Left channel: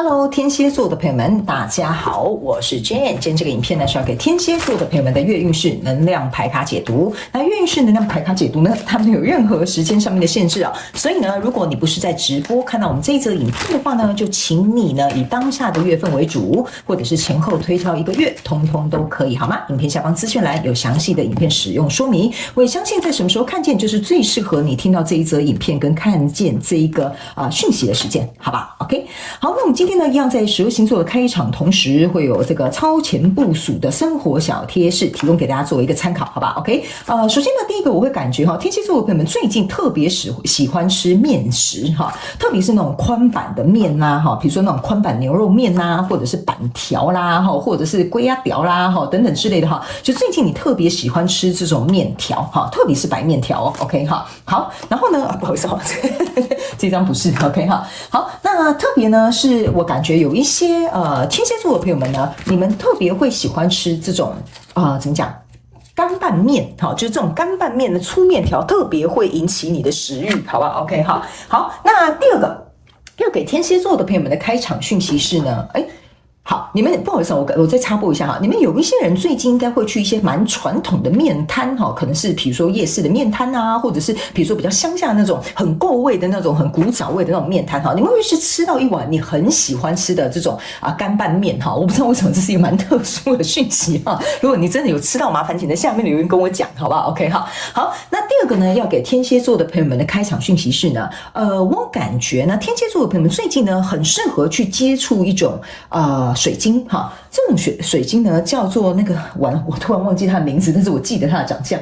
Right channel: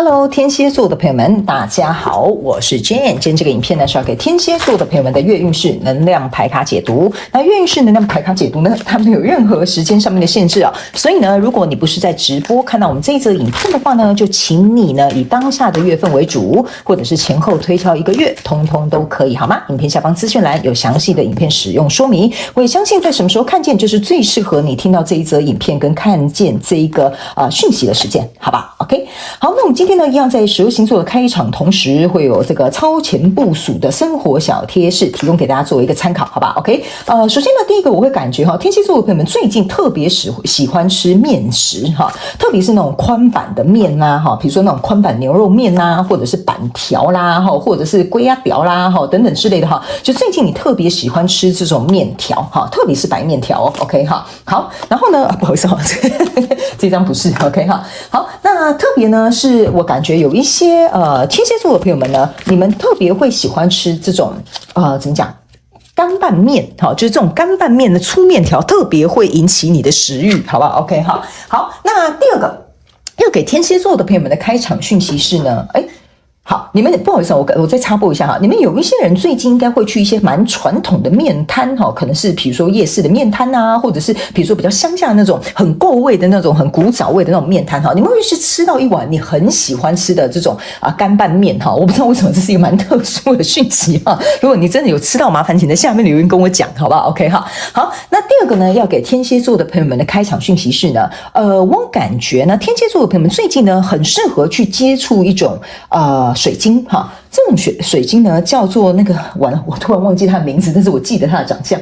Hello， 天蝎座的朋友们，大家好，我是 Jane。今天这个影片呢是要给天蝎座的朋友们的月运势能量牌卡解读。那月运势能量牌卡解读呢，它没有任何时间上面的限制啊，所以呢，如果你不是在直播看到我们这一则影片的话呢，就请你呢以当下的月份为主，或者是前后推敲一个月，通通都可以，好吗？影片下方资讯栏有详细的影片使用说明。我也相信在什么时候看见，就是最适合你听到这一则影片跟看见这一个讯息的时间，好吧 ？OK， 好，那我们今天呢，一样在12星座的开场，同时会有这个超前部署的生活小贴士，提供给大家作为一个参考，好吧 ？OK， 首先呢，第一个我会感觉天蝎座的朋友们最近特别喜欢吃面食特别是那种宽板的面啦比如说那种宽板牛肉面啦，或者是板条啦或者是龟鸭条啦等等之类的就最近你特别喜欢吃这种面条特别是白面条 OK 好，然后呢，不好意思这张不是 OK 好，那特别呢是我感觉有一些天蝎座的朋友们呢，你们特别会喜欢吃这种怎么讲？干拌面就是这种干拌面的粗面条，特别会引起你的食欲，好不好 ？OK 好，那第二个要给天蝎座的朋友们的开场讯息是呢，好，你们不好意思，我再插播一下你们有一些人最近应该会去一些蛮传统的面摊可能是比如说夜市的面摊啊，或者是比如说比较乡下那种很够味的那种很古早味的那种面摊你们会去吃到一碗你很喜欢吃的这种干拌面我不知道为什么这是一个蛮特殊的讯息如果你真的有吃到，麻烦请在下面留言跟我讲，好不好 ？OK 好，那第二个呢，要给天蝎座的朋友们的开场讯息是呢，我感觉呢，天蝎座的朋友们最近呢，很适合去接触一种水晶这种水晶呢叫做那个完了，我突然忘记它的名字，但是我记得它的长相，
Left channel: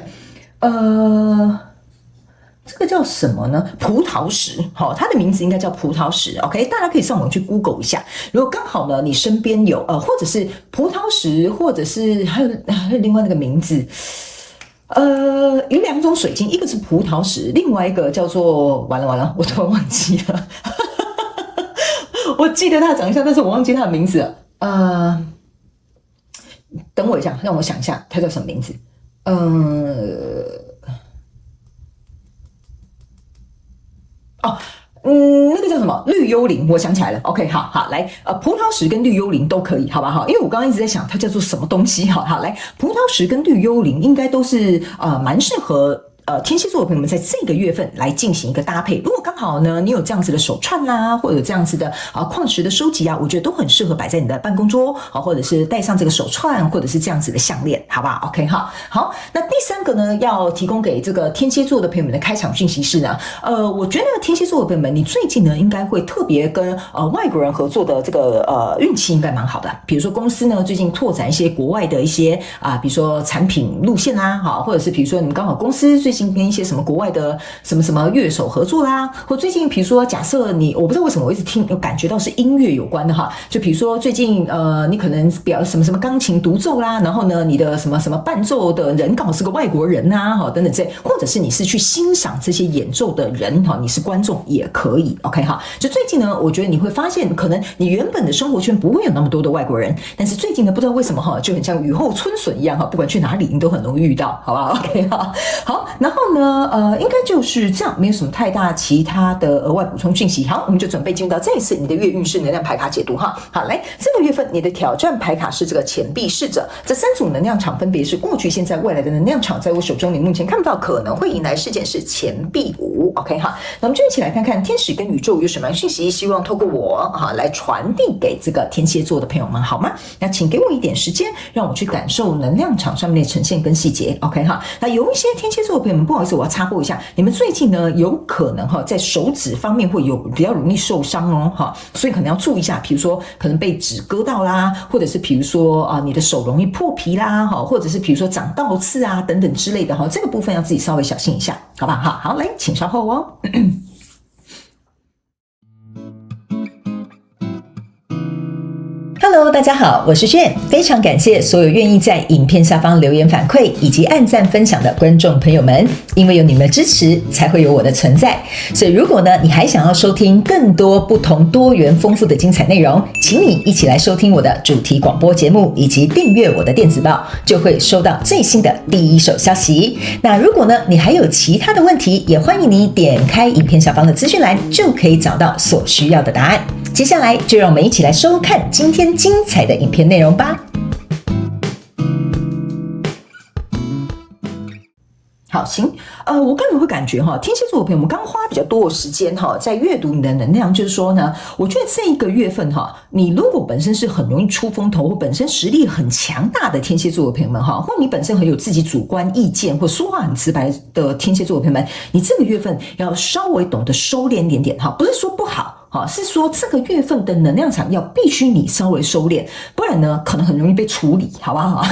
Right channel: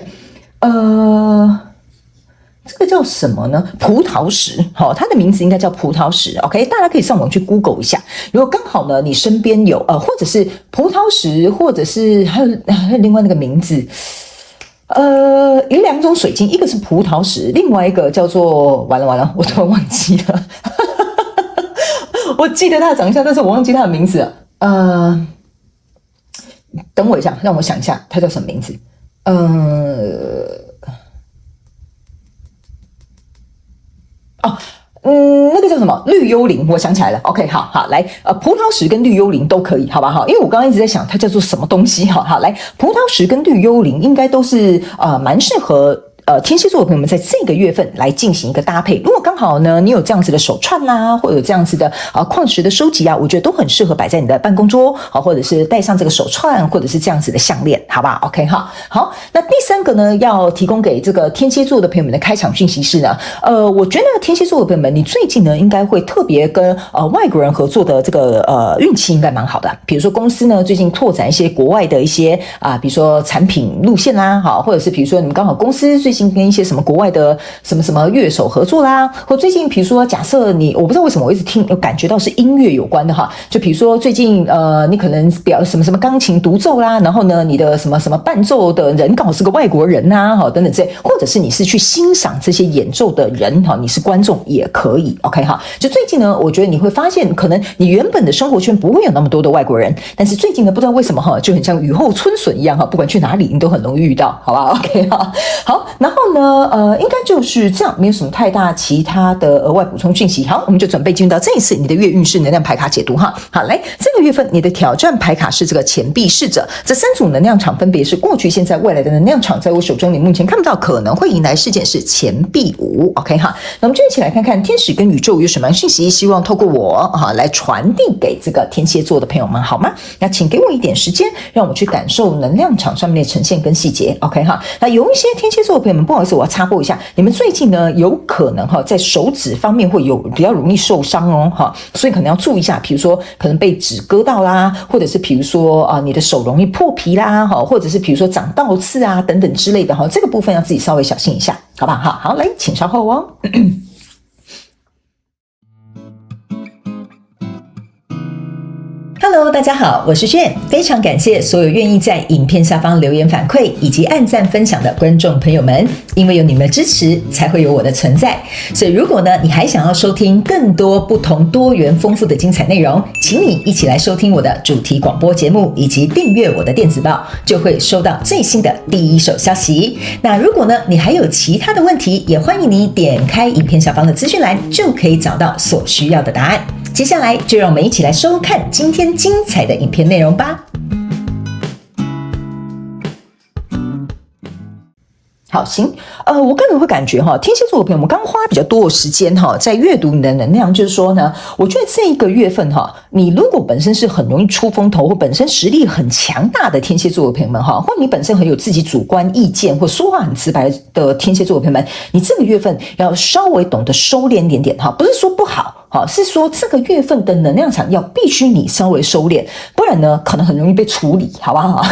这个叫什么呢？葡萄石，它的名字应该叫葡萄石 ，OK， 大家可以上网去 Google 一下。如果刚好呢，你身边有或者是葡萄石，或者是还有另外那个名字。有两种水晶，一个是葡萄石，另外一个叫做完了，我突然忘记了。我记得它的长相，但是我忘记它的名字了。等我一下，让我想一下，它叫什么名字？那个叫什么绿幽灵，我想起来了。OK， 好，来，葡萄石跟绿幽灵都可以，好吧？因为我刚刚一直在想它叫做什么东西，好，来，葡萄石跟绿幽灵应该都是蛮适合。天蝎座的朋友们在这个月份来进行一个搭配，如果刚好呢，你有这样子的手串啦，或者有这样子的矿石的收集我觉得都很适合摆在你的办公桌或者是戴上这个手串，或者是这样子的项链，好吧 ？OK 好，那第三个呢，要提供给这个天蝎座的朋友们的开场讯息是呢，我觉得天蝎座的朋友们，你最近呢应该会特别跟外国人合作的这个运气应该蛮好的，比如说公司呢最近拓展一些国外的一些比如说产品路线啦，或者是比如说你们刚好公司最近跟一些什么国外的什么乐手合作啦，或最近比如说假设我不知道为什么我一直感觉到是音乐有关的就比如说最近你可能表什么钢琴独奏啦，然后呢你的什么伴奏的人刚好是个外国人等等之类，或者是你是去欣赏这些演奏的人你是观众也可以 OK 就最近呢，我觉得你会发现可能你原本的生活圈不会有那么多的外国人，但是最近呢不知道为什么就很像雨后春笋一样不管去哪里你都很容易遇到，好吧 OK 好，然后呢应该就是这样，没有什么太大其他的额外补充讯息。好，我们就准备进入到这一次你的月运势能量牌卡解读好，来，这个月份你的挑战牌卡是这个钱币侍者，这三组能量场分别是过去、现在、未来的能量场，在我手中你目前看不到可能会迎来事件是钱币5 OK 那我们就一起来看看天使跟宇宙有什么讯息，希望透过我来传递给这个天蝎座的朋友们好吗？那请给我一点时间，让我去感受能量场上面的呈现跟细节 OK 那有一些天蝎座的朋友们，不好意思，我要插播一下，你们最近呢有可能在手指方面会有比较容易受伤所以可能要注意一下，比如说可能被纸割到啦，或者是比如说你的手容易破皮啦或者是比如说长倒刺等等之类的这个部分要自己稍微小心一下，好不好？好，来，请稍后哦。Hello， 大家好，我是炫，非常感谢所有愿意在影片下方留言反馈以及按赞分享的观众朋友们，因为有你们的支持，才会有我的存在。所以如果呢，你还想要收听更多不同多元丰富的精彩内容，请你一起来收听我的主题广播节目，以及订阅我的电子报，就会收到最新的第一手消息。那如果呢，你还有其他的问题，也欢迎你点开影片下方的资讯栏，就可以找到所需要的答案。接下来就让我们一起来收看今天精彩的影片内容吧。好，行，我个人会感觉天蝎座的朋友们刚花比较多的时间在阅读你的能量，就是说呢，我觉得这一个月份你如果本身是很容易出风头，或本身实力很强大的天蝎座的朋友们或你本身很有自己主观意见，或说话很直白的天蝎座的朋友们，你这个月份要稍微懂得收敛一点点不是说不好。是说这个月份的能量场要必须你稍微收敛，不然呢可能很容易被处理，好不好？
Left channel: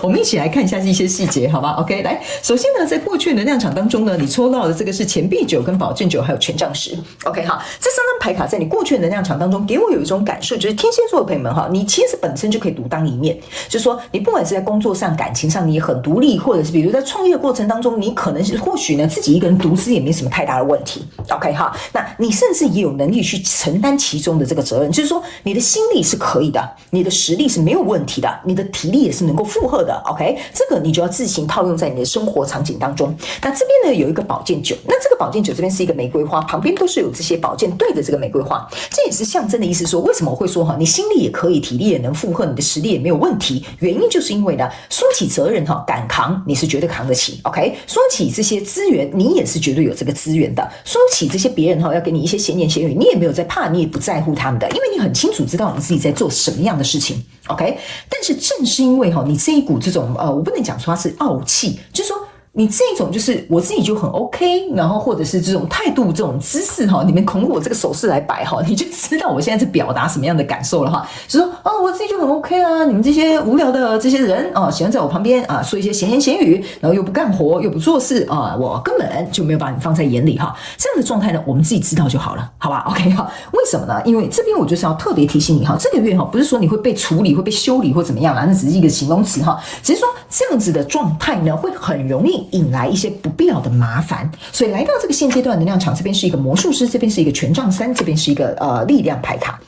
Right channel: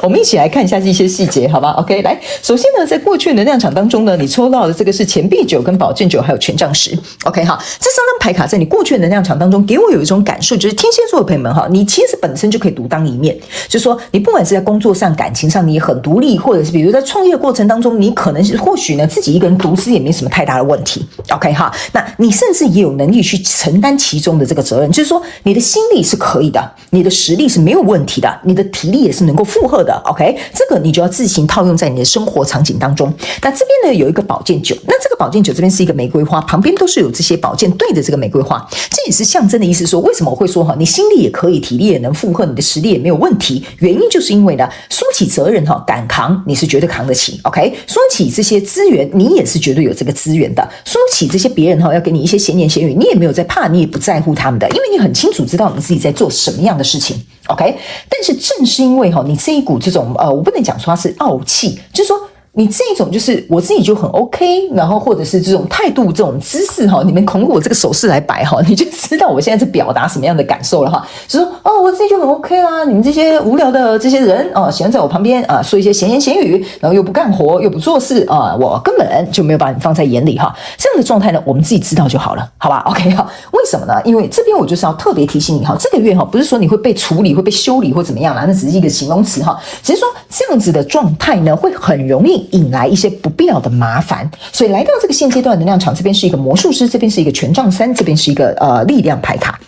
我们一起来看一下这些细节，好吧 ？OK， 来，首先呢，在过去的能量场当中呢，你抽到的这个是钱币九、跟宝剑九，还有权杖十。OK， 好，这三张牌卡在你过去的能量场当中，给我有一种感受，就是天蝎座的朋友们你其实本身就可以独当一面，就是说你不管是在工作上、感情上，你也很独立，或者是比如在创业的过程当中，你可能是或许呢自己一个人独资也没什么太大的问题。OK， 好，那你甚至也有能力去承担其中的这个责任，就是说你的心力是可以的，你的实力是没有问题的，你的体力也是能够负荷的。OK， 这个你就要自行套用在你的生活场景当中。那这边呢有一个宝剑九，那这个宝剑九这边是一个玫瑰花，旁边都是有这些宝剑对着这个玫瑰花，这也是象征的意思说，为什么我会说你心力也可以，体力也能负荷，你的实力也没有问题？原因就是因为呢，说起责任敢扛，你是绝对扛得起。OK， 说起这些资源，你也是绝对有这个资源的。说起这些别人要给你一些闲言闲语，你也没有在怕，你也不在乎他们的，因为你很清楚知道你自己在做什么样的事情。OK， 但是正是因为你这一股这种我不能讲说它是傲气，就是说你这种就是我自己就很 OK， 然后或者是这种态度、这种姿势你们孔我这个手势来摆你就知道我现在是表达什么样的感受了就说我自己就很 OK 啦，你们这些无聊的这些人喜欢在我旁边说一些闲言闲语，然后又不干活又不做事我根本就没有把你放在眼里这样的状态呢，我们自己知道就好了，好吧 ？OK 为什么呢？因为这边我就是要特别提醒你这个月不是说你会被处理、会被修理或怎么样啦，那只是一个形容词只是说这样子的状态呢，会很容易引来一些不必要的麻烦，所以来到这个现阶段的能量场，这边是一个魔术师，这边是一个权杖三，这边是一个力量牌卡。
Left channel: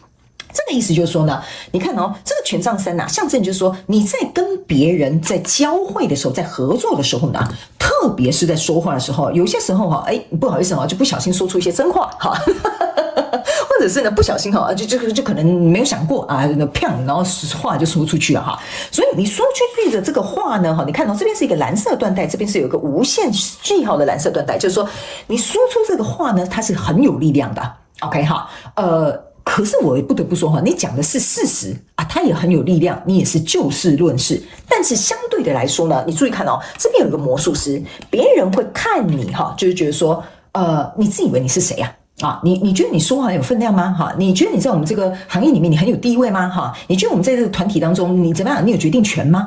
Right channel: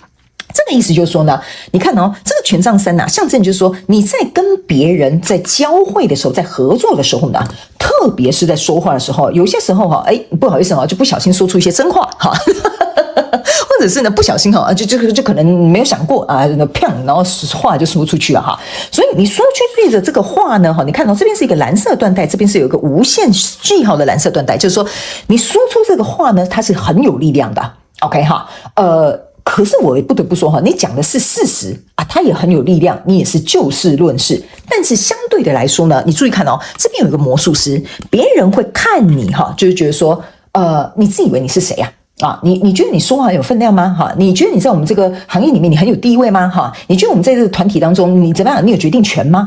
这个意思就是说呢，你看这个权杖三象征就是说你在跟别人在交汇的时候，在合作的时候呢，特别是在说话的时候，有些时候不好意思就不小心说出一些真话或者是呢不小心就可能没有想过然后话就说出去了所以你说出去的这个话呢你看这边是一个蓝色缎带，这边是有一个无限句号的蓝色缎带，就是说你说出这个话呢，它是很有力量的。OK 可是我也不得不说你讲的是事实它也很有力量，你也是就事论事。但是相对的来说呢，你注意看这边有一个魔术师，别人会看你就是觉得说你自以为你是谁你觉得你说话很有分量吗你觉得你在我们这个行业里面你很有地位吗你觉得我们在这个团体当中你怎么样，你有决定权吗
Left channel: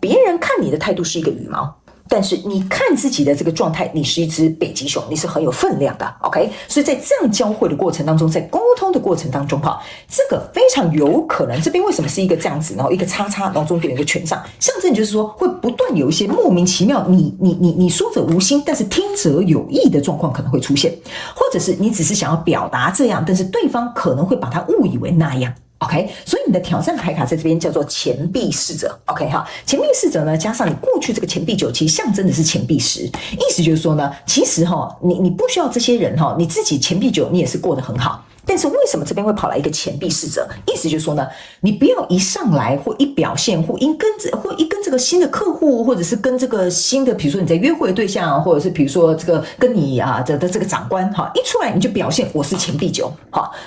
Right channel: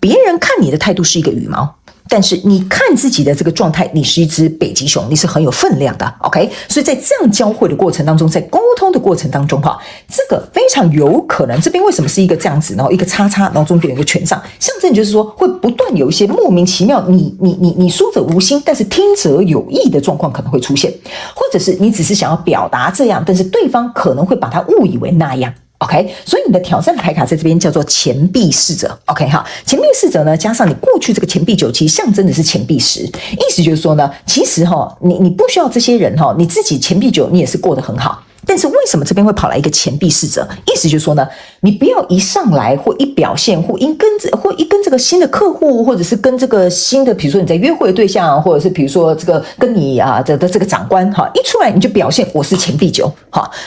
别人看你的态度是一个羽毛，但是你看自己的这个状态，你是一只北极熊，你是很有分量的 OK， 所以在这样交汇的过程当中，在沟通的过程当中这个非常有可能，这边为什么是一个这样子，然后一个叉叉，然后中间有一个权杖，象征就是说会不断有一些莫名其妙，你说者无心，但是听者有意的状况可能会出现，或者是你只是想要表达这样，但是对方可能会把它误以为那样。OK， 所以你的挑战牌卡在这边叫做钱币侍者。OK， 钱币侍者呢，加上你过去这个钱币九，其实象征的是钱币十，意思就是说呢，其实你不需要这些人你自己钱币九你也是过得很好。但是为什么这边会跑来一个钱币侍者？意思就是说呢，你不要一上来或一表现或一跟这个新的客户，或者是跟这个新的，比如说你在约会的对象，或者是比如说这个跟你的这个长官一出来你就表现我是钱币九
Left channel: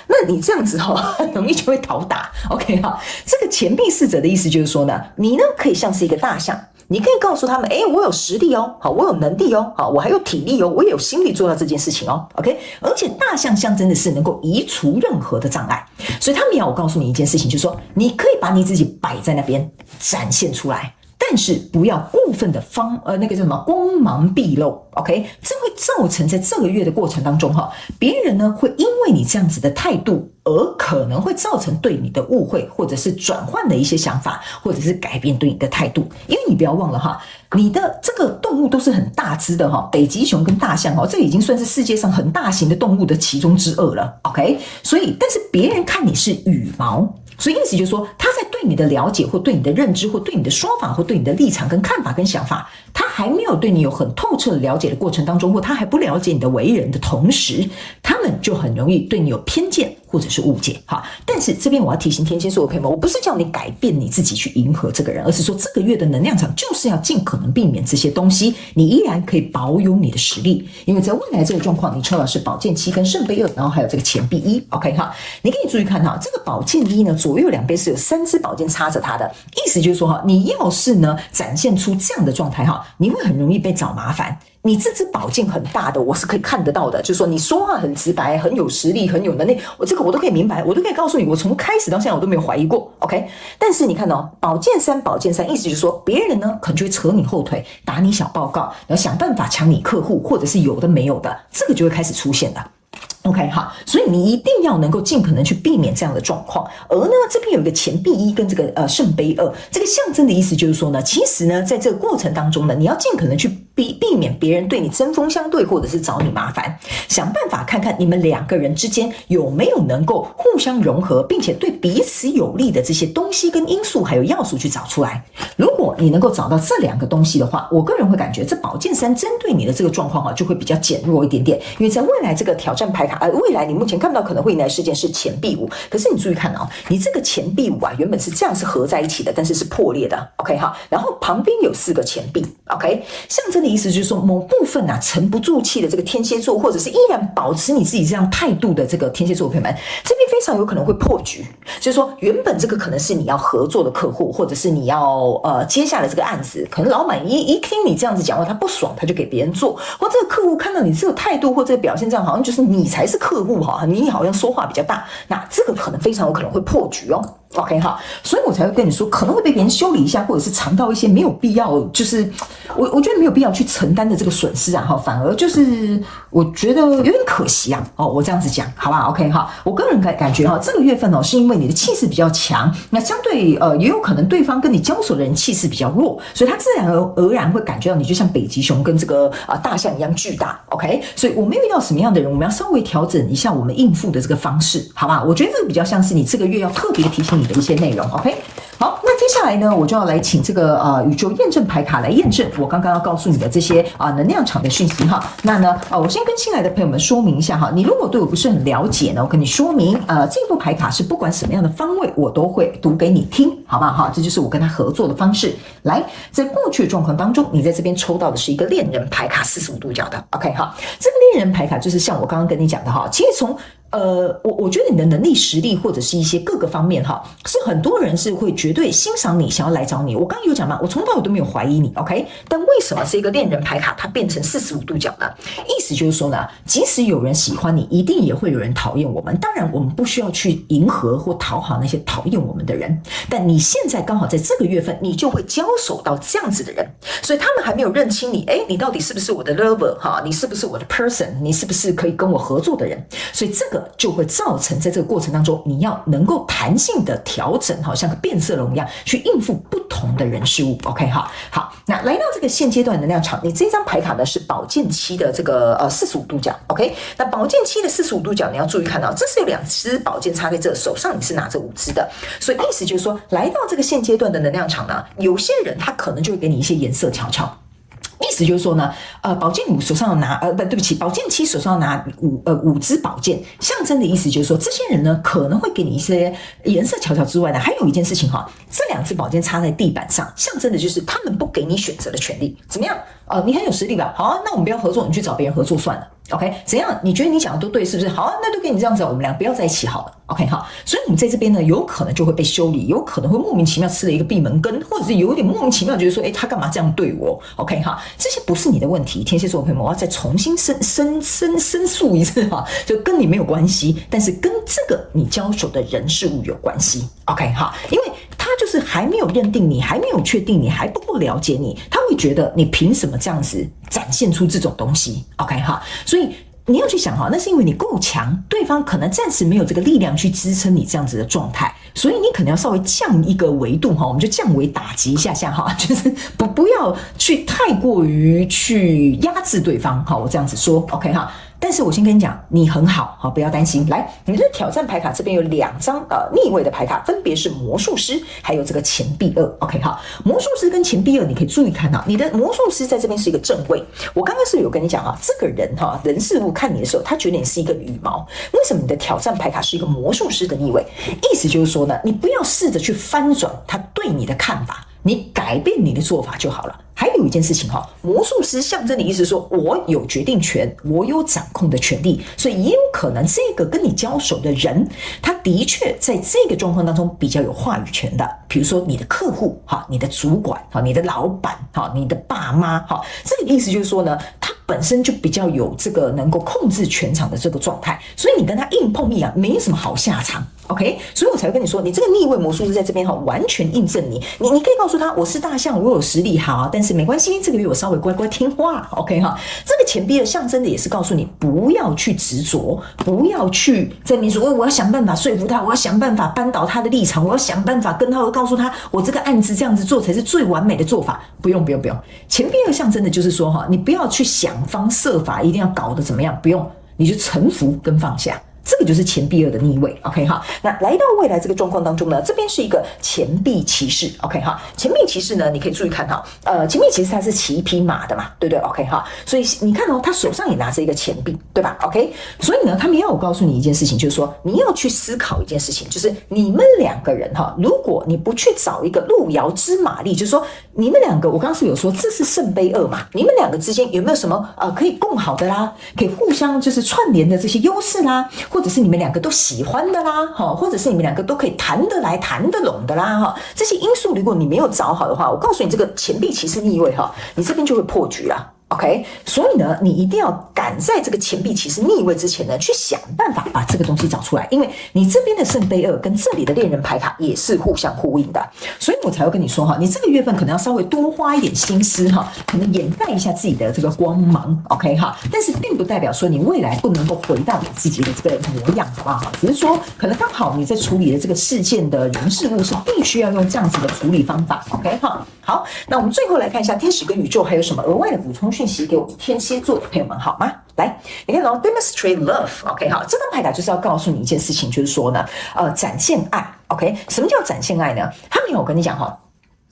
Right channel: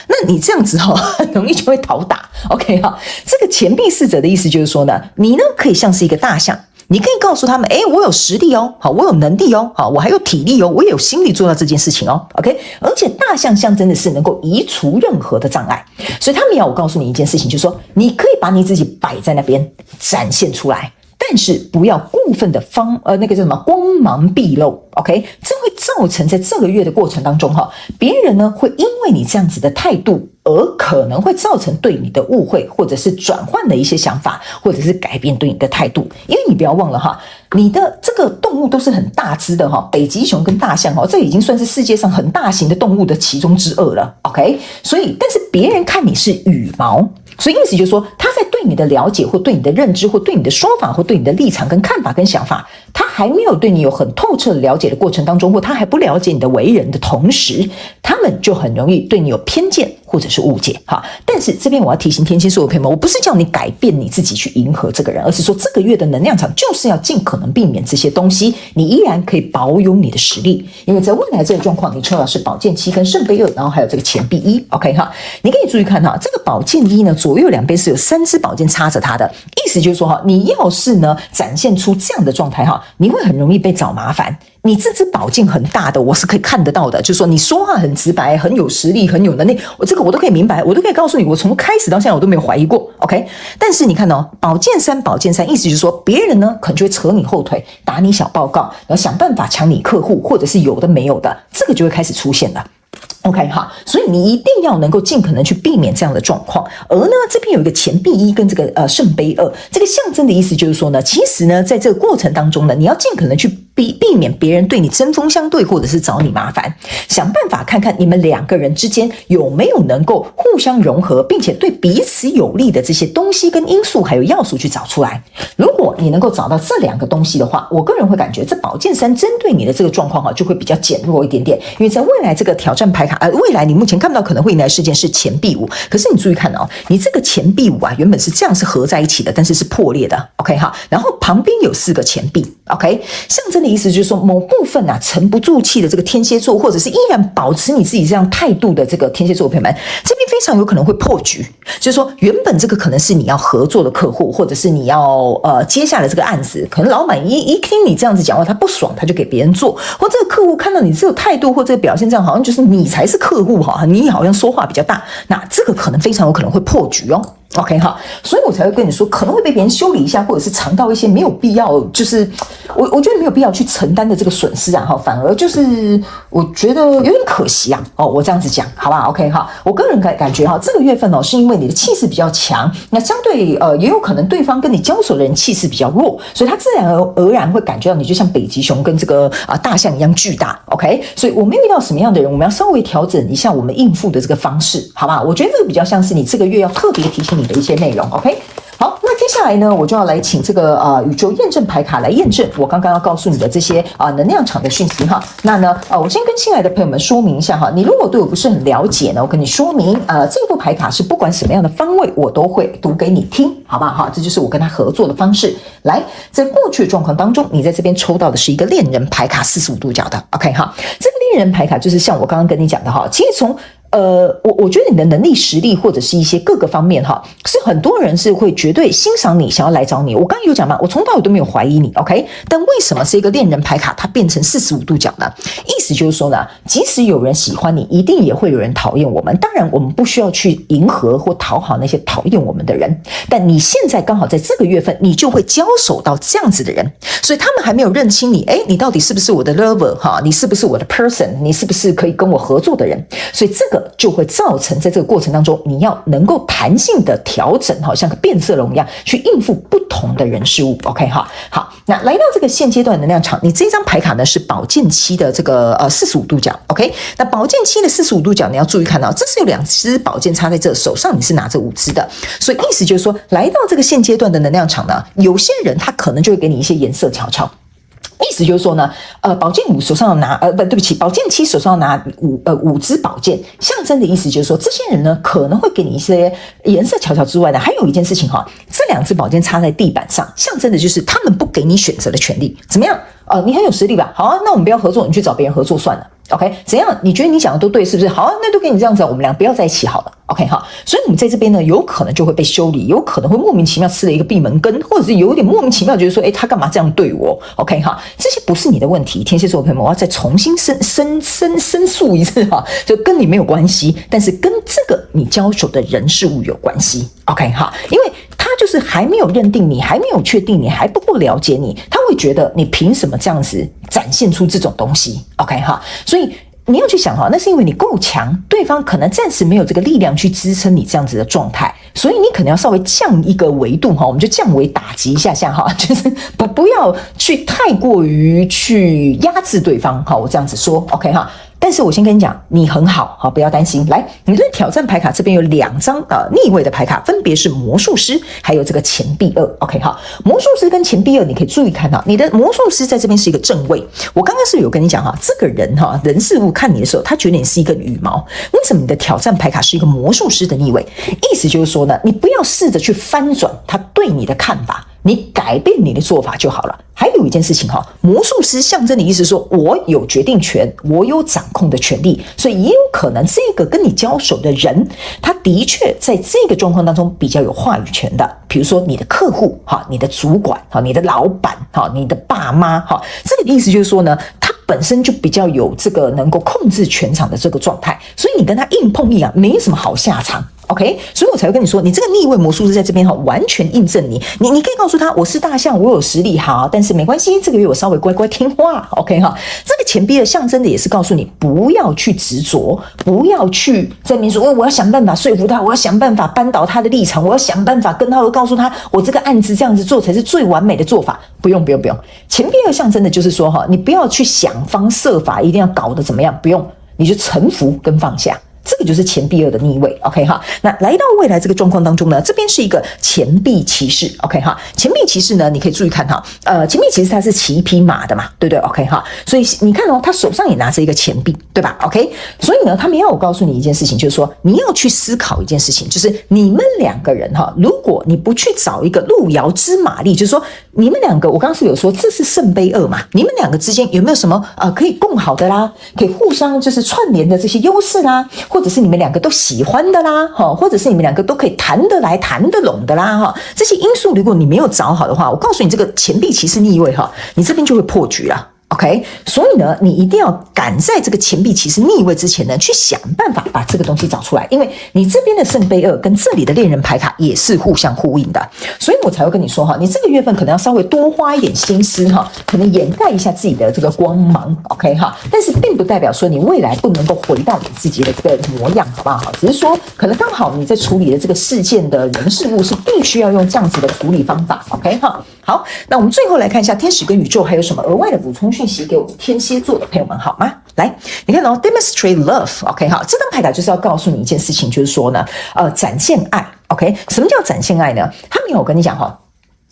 那你这样子很容易就会讨打。OK 这个钱币侍者的意思就是说呢，你呢可以像是一个大象。你可以告诉他们我有实力我有能力我还有体力我也有心力做到这件事情OK， 而且大象象征的是能够移除任何的障碍，所以他们要我告诉你一件事情，就是说你可以把你自己摆在那边展现出来，但是不要过分的那个叫什么光芒毕露 OK， 这会造成在这个月的过程当中别人呢会因为你这样子的态度而可能会造成对你的误会，或者是转换的一些想法，或者是改变对你的态度。因为你不要忘了你的这个动物都是很大只的北极熊跟大象这已经算是世界上很大型的动物的其中之二了 OK， 所以但是别人看你是羽毛，所以意思就是说他在对你的了解或对你的认知或对你的说法或对你的立场跟看法跟想法，他还没有对你有很透彻的了解的过程当中，或他还不了解你的为人的同时，他们就很容易对你有偏见或者是误解哈。但是这边我要提醒天蝎座的朋友们，我不是叫你改变你自己去迎合这个人，而是说这个月的能量场就是要尽可能避免这些东西，你依然可以保有你的实力。因为在未来这个状况，你抽到是宝剑七跟圣杯2，然后还有这个钱币1 ，OK 哈，你可以注意看哈，这个宝剑1呢，左右两边是有3支宝剑插着它的，意思就是说哈，你要是呢展现出这样的状态哈，你会很容易被找麻烦。你这支宝剑很大的，我是可以看得到的，就是说你说话很直白，很有实力，很有能力，我这个我都可以明白，我都可以告诉你，我从开始到现在我都没有怀疑过 ，OK？ 但是你看哦，宝剑3，意思就是说别人呢可能就会扯你后腿，打你小报告，然后想办法抢你客户，或者是有的没有的，这个就会开始出现了。OK 好，所以你一定要能够尽可能去避免这样的状况。而呢，这边有一个钱币1跟这个圣杯2，这个象征的意思就是说呢，其实呢，在这个过程当中呢，你要尽可能去避免别人对你针锋相对，或者是找你麻烦，想办法看看你们2个人之间有没有能够互相融合，并且对彼此有利的这些东西跟因素还有要素去找出来。如果你能够找到这2个东西的话，我个人会感觉这宝剑3针对你的这个状况就会比较减弱一点点，因为在未来这个挑战牌卡未来你目前看不到可能会迎来的事件是钱币5，可是你注意看哦，你这个钱币5原本是这样是合在一起的，但是是破裂的 ，OK 好，然后旁边有4个钱币 ，OK， 象征的意思就是说某部分沉不住气的这个天蝎座，或者是依然保持你自己这样态度的这个天蝎座朋友们，这边非常有可能会破局，就是说原本这个可能是你要合作的客户，或者是你要接下来这个案子，可能老板一听你这样子讲话，他不爽，他就给别人做，或这个客户看到你这个态度或这个表现，这样好像就是你才是客户哈，你好像说话比较大，那这个可能非常有可能会破局哦。OK 哈，所以我才会跟你说，可能会被别人修理一下，或者是尝到一些没有必要，就是我觉得没有必要去承担的这个损失啊，反而就是我觉得有点可惜啊。我这样子讲，好吧 ？OK 哈，我个人感觉这个月份是因为你的气势比较强，那相对也有可能对方跟你交手的人气势比较弱，所以他自然而然会感觉到你就像北极熊跟这个大象一样巨大。OK， 所以我们遇到什么样的人，我们要稍微调整一下我们应付的这个方式，好吧？我觉得这个比较像是你这个月要特别提醒你的一些内容 ，OK？ 好，那接下来呢，我就要来请这个宇宙验证牌卡来验证我刚刚要告诉你的这些能量场的讯息哈。那呢我先跟新来的朋友们说明一下哈，你如果对我不是很了解呢，我跟你说明这部牌卡是不管什么样的方位我都会读给你听，好不好？这就是我跟他合作的方式。来，在过去的状况当中，你在这边抽到的是一个恋人牌卡45度角的 ，OK 哈。这个恋人牌卡就是像我刚刚跟你讲的哈，其实从我觉得你的能力、实力或者是一些各个方面是很多人是会绝对欣赏你，想要来找你。我刚刚有讲嘛，我从头到尾都没有怀疑你 ，OK？ 但为什么这个恋人牌卡它变成45度角呢？意思就是说呢，即使有人喜欢你，一定也会有人讨厌我们。当然，我们不需要去迎合或讨好那些讨厌我们的人。但你现在刚好在这个月份，你就会交手到这样子的人，所以他们还没有认清你，你到底是不是我的 lover 你是不是我的 person？ 你是不是可以跟我合作的人？所以这个就会造成在这个过程当中，你要能够弹性的调整，像个变色龙一样去应付不同的人事物。OK 好，那来到这个现阶段能量场，你这张牌卡呢是宝剑7的这个45度角。OK， 那宝剑7的45度角，你要注意看到，这是有2支宝剑插在这，手上你是拿着5支的，所以意思就是说，来到这个现阶段的能量场呢，有些人他可能就会给你一些颜色瞧瞧。意思就是说呢，宝剑5手上要拿，对不起，宝剑7手上要拿5支宝剑，象征的意思就是说，这些人呢可能会给你一些颜色瞧瞧之外呢，还有一件事情这2支宝剑插在地板上，象征的就是他们不给你选择的权利。怎么样？你很有实力吧？好啊，那我们不要合作，你去找别人合作算了。OK， 怎样？你觉得你讲的都对，是不是？好啊，那就给你这样子，我们俩不要在一起好了。OK 哈，所以你在这边呢，有可能就会被修理，有可能会莫名其妙吃了一个闭门羹，或者是有点莫名其妙觉得说，他干嘛这样对我 ？OK 哈，这些不是你的问题，天蝎座的朋友们，我要再重新申诉一次就跟你没有关系，但是跟这个你交手的人事物有关系。OK 哈，因为他就是还没有认定你，还没有确定你，还不够了解你，他会觉得你凭什么这样子展现出这种东西 ？OK 哈，所以你要去想那是因为你够强，对方可能暂时没有这个力量去支撑你这样子的状态，所以你可能要稍微降一个维度我们就降维打击一下就是不要去太过于去压制对方我这样子说 OK 哈。但是我先跟你讲，你很好，好，不要担心。来，你的挑战牌卡这边有2张逆位的牌卡，分别是魔术师，还有这个钱币2。OK 哈，魔术师跟钱币2，你可以注意看到，你的魔术师在这边是一个正位。我刚刚是有跟你讲哈，这个人哈，人事物看你的时候，他觉得你是一个羽毛。为什么你的挑战牌卡是一个魔术师的逆位？意思就是说呢，你不要试着去翻转他对你的看法，你改变你的做法就好了。还有一件事情哈，魔术师象征的意思说，我有决定权，我有掌控的权利，所以也有可能这个跟你交手的人，他的确在这个状况当中比较有话语权的。比如说你的客户哈，你的主管哈，你的老板哈，你的爸妈哈，这个意思就是说呢，他本身就比较有这个能够控制全场的这个状态，所以你跟他硬碰硬没什么好下场。OK， 所以我才会跟你说，你这个逆位魔术师在这边完全印证你可以告诉他，我是大象，我有实力，好，但是没关系，这个月我稍微乖乖听话。OK 哈，这个钱币的象征的也是告诉你，不要去执着，不要去在那边说，我要想办法说服他，我要想办法扳倒他的立场，我要想办法跟他告诉他，我这个案子这样子做才是最完美的做法。不用，钱币的象征的就是说哈，你不要去想方设法一定要搞得怎么样，不用，你就臣服跟放下。这个就是钱币2的逆位 ，OK 哈。那来到未来这个状况当中呢，这边是一个钱币骑士 ，OK 哈。钱币骑士呢，你可以注意看哈，钱币骑士他是骑一匹马的嘛，对不对 ？OK 哈。所以你看哦，他手上也拿着一个钱币，对吧 ？OK。所以呢，他们要我告诉你一件事情，就是说你要去思考一件事情，就是你们2个人哈，如果你不去找一个路遥知马力，就是说你们2个，我刚刚是有说这是圣杯2嘛，你们2个之间有没有什么可以共好的啦，可以互相就是串联的这些优势啦？或者是你们2个都喜欢的啦，或者是你们2个都可以谈得来谈得拢的啦，这些因素如果你没有找好的话，我告诉你这个钱币骑士逆位你这边就会破局了。OK， 所以呢，你一定要赶在这个钱币骑士逆位之前呢，去想办法把这个东西找出来，因为你这边的圣杯2跟这里的恋人牌卡也是互相呼应的，所以我才会跟你说你这个月份可能要稍微多花一点心思可能掩盖一下自己的这个光芒 ，OK 但是并不代表说你未来不能够回到你自己的这个模样，好不好？只是说可能刚好你在处理的这个事件的人事物是必须要用这样子的处理方法 ，OK 好，那我们最后来看一下天使跟宇宙还有什么额外的补充讯息给我们天蝎座的朋友们好吗？来，你看demonstrate love，OK 这张牌卡就是要告诉你一件事情，就是说呢，展现爱 ，OK， 什么叫展现爱呢？他没有跟你讲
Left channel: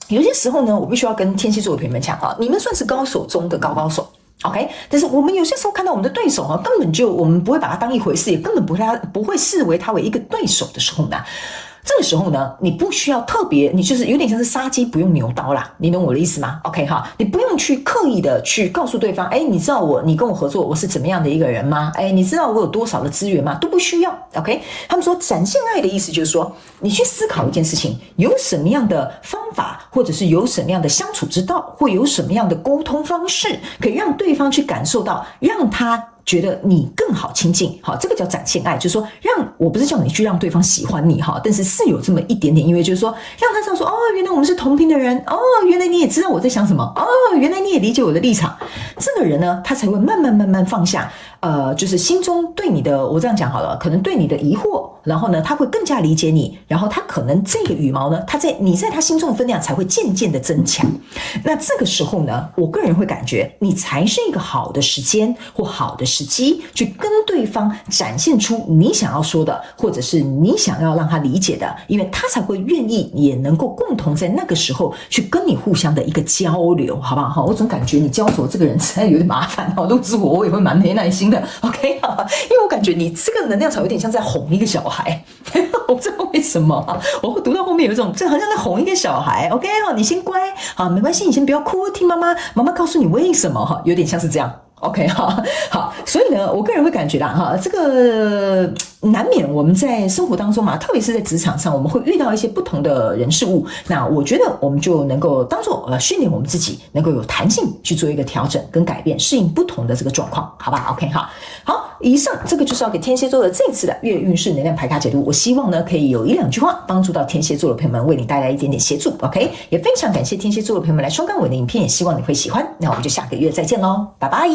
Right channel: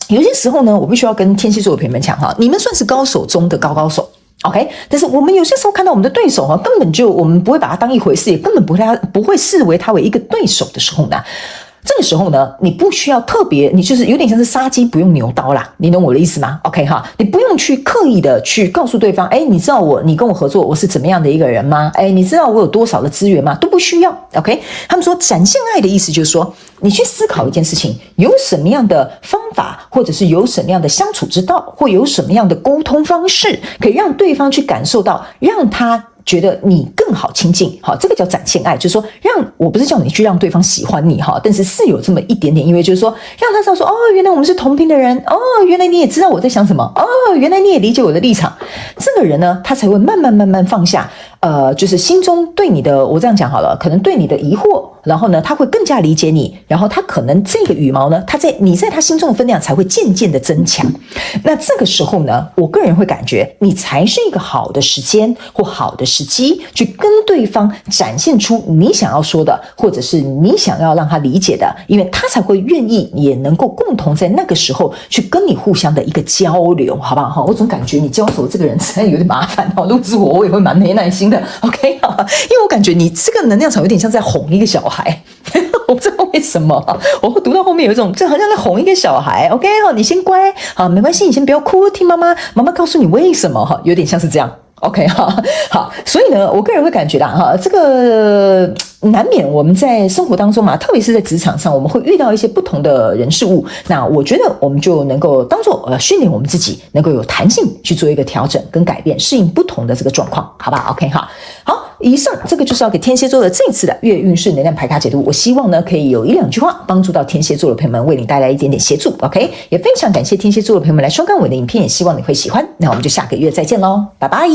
有些时候呢，我必须要跟天蝎座的朋友们讲你们算是高手中的高手。OK， 但是我们有些时候看到我们的对手根本就我们不会把他当一回事，也根本不会视为他为一个对手的时候呢，这个时候呢，你不需要特别，你就是有点像是杀鸡不用牛刀啦，你懂我的意思吗 ？OK 你不用去刻意的去告诉对方，你知道你跟我合作，我是怎么样的一个人吗？你知道我有多少的资源吗？都不需要 ，OK？ 他们说展现爱的意思就是说，你去思考一件事情，有什么样的方法，或者是有什么样的相处之道，或有什么样的沟通方式，可以让对方去感受到，让他觉得你更好亲近，这个叫展现爱，就是说我不是叫你去让对方喜欢你，但是是有这么一点点意味，就是说让他知道说，原来我们是同频的人，原来你也知道我在想什么，原来你也理解我的立场，这个人呢，他才会慢慢放下，就是心中对你的，我这样讲好了，可能对你的疑惑，然后呢，他会更加理解你，然后他可能这个羽毛呢，你在他心中的分量才会渐渐的增强。那这个时候呢，我个人会感觉你才是一个好的时间或好的时机，去跟对方展现出你想要说的，或者是你想要让他理解的，因为他才会愿意，也能够共同在那个时候去跟你互相的一个交流，好不好？我总感觉你交手这个人实在有点麻烦如果是我也会蛮没耐心的 ，OK 因为我感觉你这个能量场有点像在哄一个小孩，我不知道为什么我会读到后面有一种，这好像在哄一个小孩 ，OK 你先乖没关系，你先不要哭，听妈妈告诉你为什么有点像是这样。OK 好，所以呢，我个人会感觉啦这个难免我们在生活当中特别是在职场上，我们会遇到一些不同的人事物。那我觉得我们就能够当做训练我们自己，能够有弹性去做一个调整跟改变，适应不同的这个状况，好不好 ？OK 好，以上这个就是要给天蝎座的这一次的月运势能量牌卡解读。我希望呢可以有1-2句话帮助到天蝎座的朋友们，为你带来一点点协助。OK， 也非常感谢天蝎座的朋友们来收看我的影片，也希望你会喜欢。那我们就下个月再见喽，拜拜。